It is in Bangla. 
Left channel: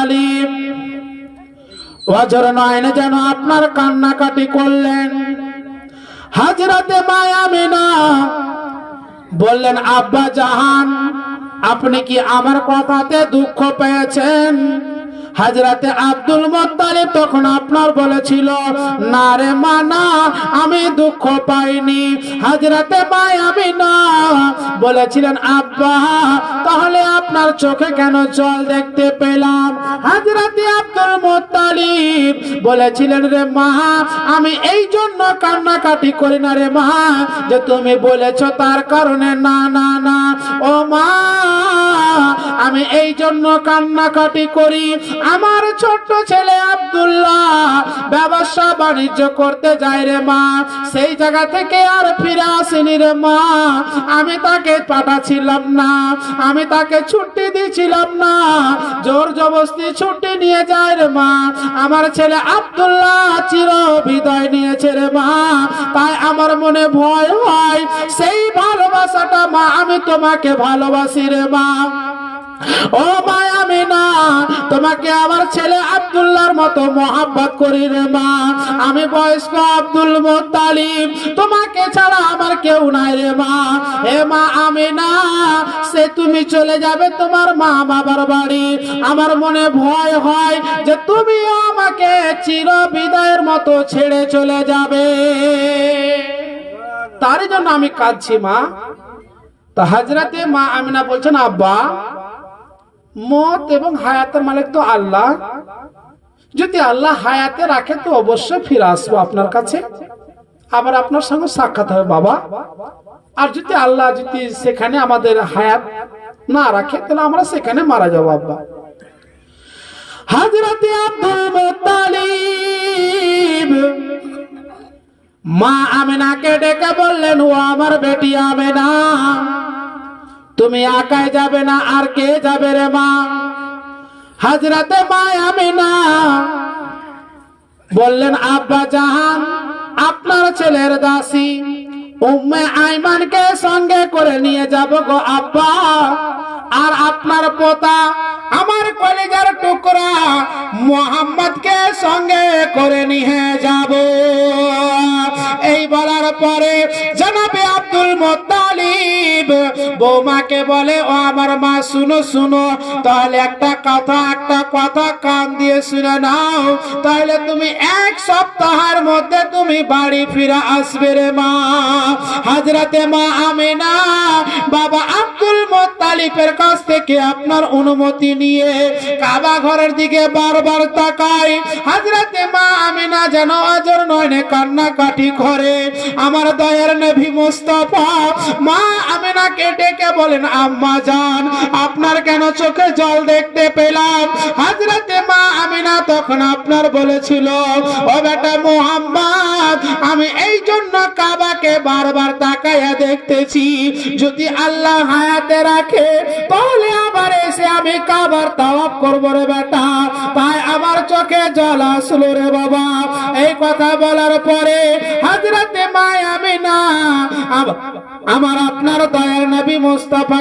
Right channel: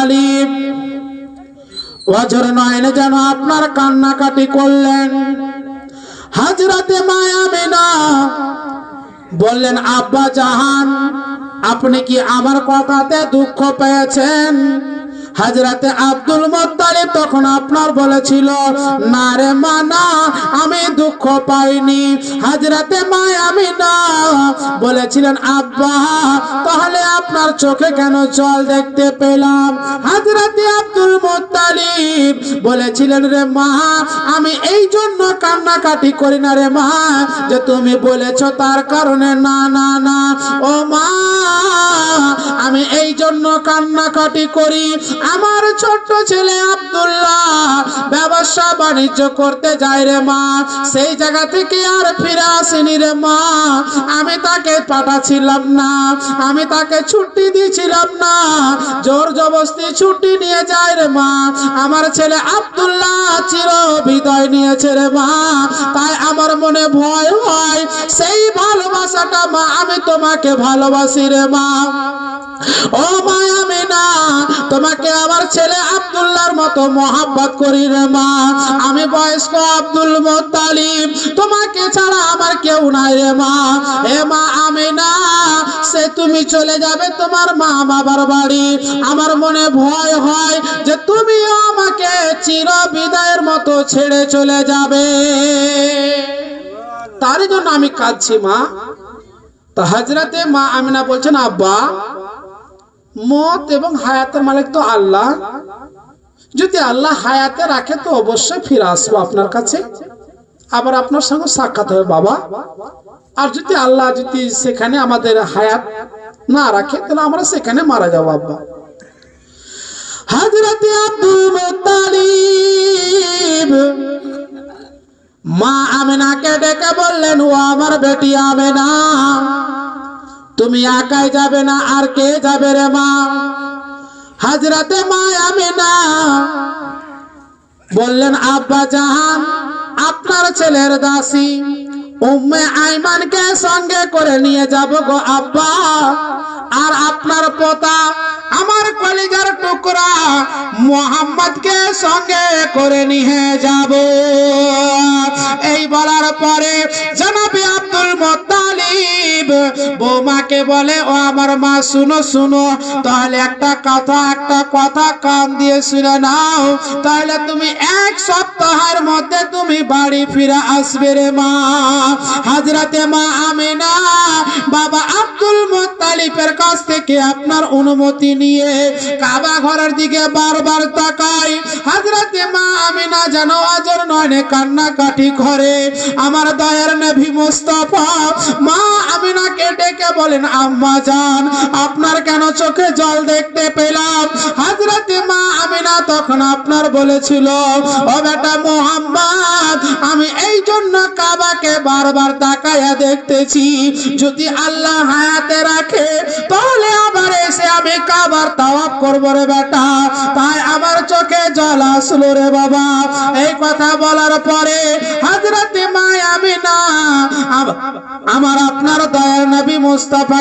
মুত্তালিব ওয়াজর নয়নে যেন আপনার কান্নাকাটি করলেন। হযরতে মা আমিনা বললেন, আব্বা জাহান, আপনি কি আমার কথাতে দুঃখ পেয়েছেন? হযরতে আব্দুল মুত্তালিব তখন আপনার বলেছিল, না রে মা না, আমি দুঃখ পাইনি। হযরতে মা আমিনা বলেছিলেন, আব্বা তাহলে আপনার চোখে কেন জল দেখতে পেলাম? হযরতে আব্দুল মুত্তালিব বলেছিলেন, রে মা, আমি এই জন্য কান্নাকাটি করি না রে মা যে তুমি বলেছো তার কারণে, না না না ও মা, আমি এই জন্য কান্নাকাটি করি, আমার ছোট্ট ছেলে আব্দুল্লাহ ব্যবসা বাণিজ্য করতে যায় রে মা, সেই জায়গা থেকে আর ফিরে আসেনি রে মা, আমি তাকে পাঠাচ্ছিলাম না, আমি তাকে ছুটি দিয়েছিলাম না, জোর জবরদস্তি ছুটি নিয়ে যায় রে মা, আমার ছেলে আব্দুল্লাহ চির বিদায় নিয়েছে রে মা, তাই আমার মনে ভয় হয়, সেই ভালোবাসাটা মা আমি তোমাকে ভালোবাসি রে মা। ও মা আমিনা, তোমাকে আমার ছেলে আব্দুল্লাহর মতো মোহাব্বত করি রে মা, আমি বয়স্ক আব্দুল মুত্তালিব, তোমাকে ছাড়া আমার কেউ নাই রে মা। হে মা আমিনা, সে তুমি চলে যাবে তোমার মা বাবার বাড়ি, আমার মনে ভয় হয় যে তুমিও আমাকে চির বিদায়ের মতো ছেড়ে চলে যাবে, তার জন্য আমি কাঁদছি মা। তো হযরতে মা আমিনা বলছেন, আব্বা মত এবং হায়াতের মালিক তো আল্লাহ, যদি আল্লাহ হায়াতে রাখে তো অবশ্যই ফিরে আসবো আপনার কাছে, আবার আপনার সঙ্গে সাক্ষাৎ হবে বাবা, আর যদি আল্লাহ যদি সেখানে আমাদের হায়াত না রাখে তাহলে আমরা সেখানে মারা যাবো আব্বা। হযরতে আব্দুল মুত্তালিব মা আমিনাকে ডেকে বললেন, ও আমার বেটি আমিনা, তুমি একাই যাবে না, আর কে যাবে রে মা? হযরতে মা আমিনা বললেন, আব্বা জাহান, আপনার ছেলের দাসী উম্মে আইমানকে সঙ্গে করে নিয়ে যাব গো আব্বা, আর আপনার পোতা আমার কলিজার টুকরা মুহাম্মদকে সঙ্গে করে নিয়ে যাব। এই বলার পরে জনাবে আব্দুল মুত্তালিব বৌমাকে বলে, ও আমার মা শুনো শুনো, তাহলে একটা কথা কান দিয়ে শুনে নাও, তাহলে তুমি এক সপ্তাহের মধ্যে তুমি বাড়ি ফিরে আসবে রে মা। হযরতে মা আমিনা বাবা আব্দুল মুত্তালিবের কাছ থেকে আপনার অনুমতি নিয়ে কাবা ঘরের দিকে বারবার তাকায়। হযরতে মা আমিনা যেন অজর নয়নে কান্নাকাটি করে। আমার দয়ার নবী মুস্তাফা মা আমিনাকে ডেকে বলেন, আম্মা জান, আপনার কেন চোখে জল দেখতে পেলাম? হযরতে মা আমিনা তখন আপনার বলেছিল, ও বেটা মুহাম্মদ, আমি এই জন্য কাবাকে বারবার তাকায়া দেখতেছি, যদি আল্লাহ হায়াতে রাখে তাহলে আবার এসে আমি কাবার তাওয়াফ করব রে বেটা, তাই আমার চোখে জল আসলো রে বাবা। এই কথা বলার পরে হযরতে মা আমিনা আমার আপনার দয়ার নবী মুস্তাফা